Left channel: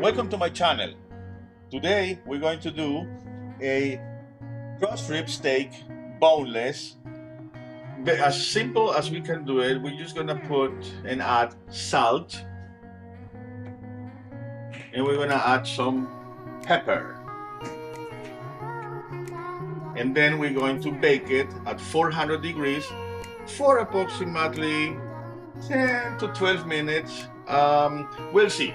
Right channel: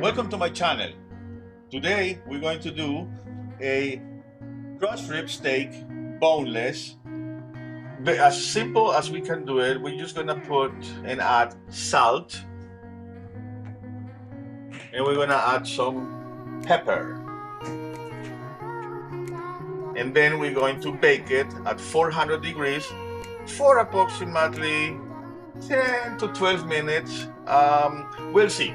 Welcome to my channel. Today we're going to do a crushed rib steak, boneless. As simple as we can do it, we're just gonna put and add salt, and we're gonna add some pepper. And then we're going to bake it at 400 degrees for approximately 10 to 12 minutes. We'll see.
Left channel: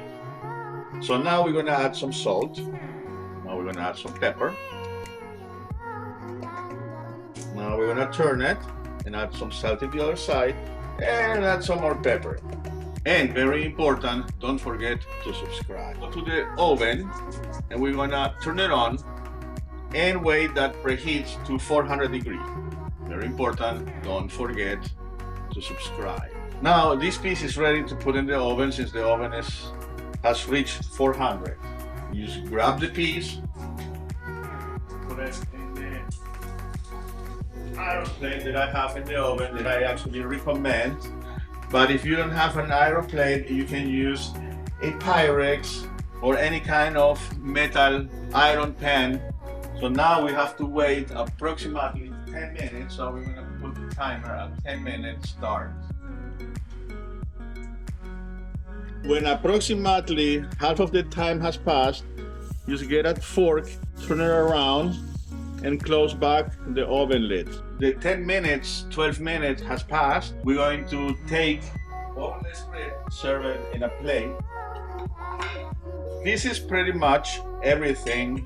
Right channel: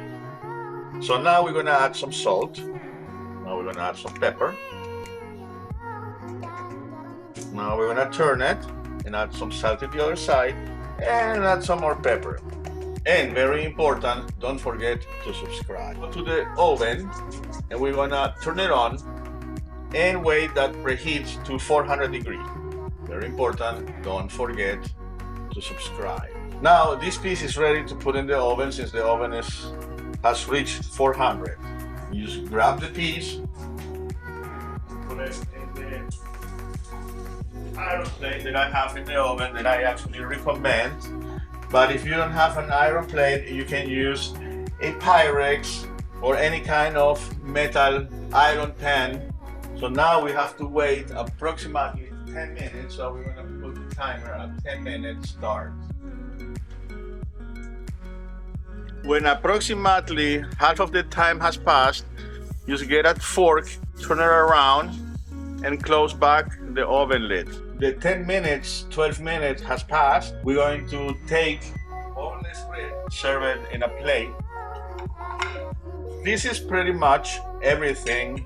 So now we're gonna add some salt. Now we're gonna add some pepper. Now we're gonna turn it and add some salt to the other side and add some more pepper. And very important, don't forget to subscribe. Go to the oven and we're gonna turn it on and wait that preheats to 400 degrees. Very important, don't forget to subscribe. Now this piece is ready to put in the oven since the oven has reached 400. You just grab the piece, put it in the iron plate that I have in the oven that I actually recommend. But if you don't have an iron plate, you can use a Pyrex or any kind of metal iron pan. So now we have to wait approximately 10 minutes. So we're going to put the timer at 10 minutes start. When approximately half of the time has passed, just get a fork, turn it around, and close back the oven lid. The 10 minutes, 12 minutes has passed. We're going to take boneless rib, serve it in a plate. This is pretty much everything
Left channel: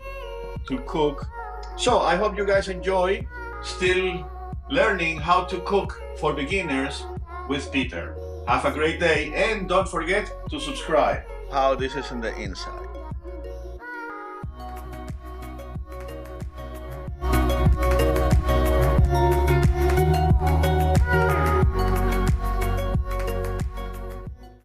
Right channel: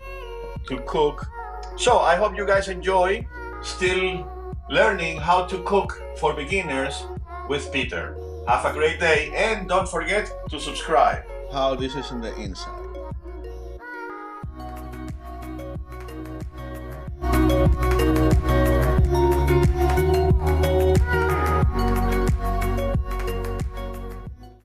to cook. So I hope you guys enjoy still learning how to cook for beginners with Peter. Have a great day and don't forget to subscribe. How this is in the inside.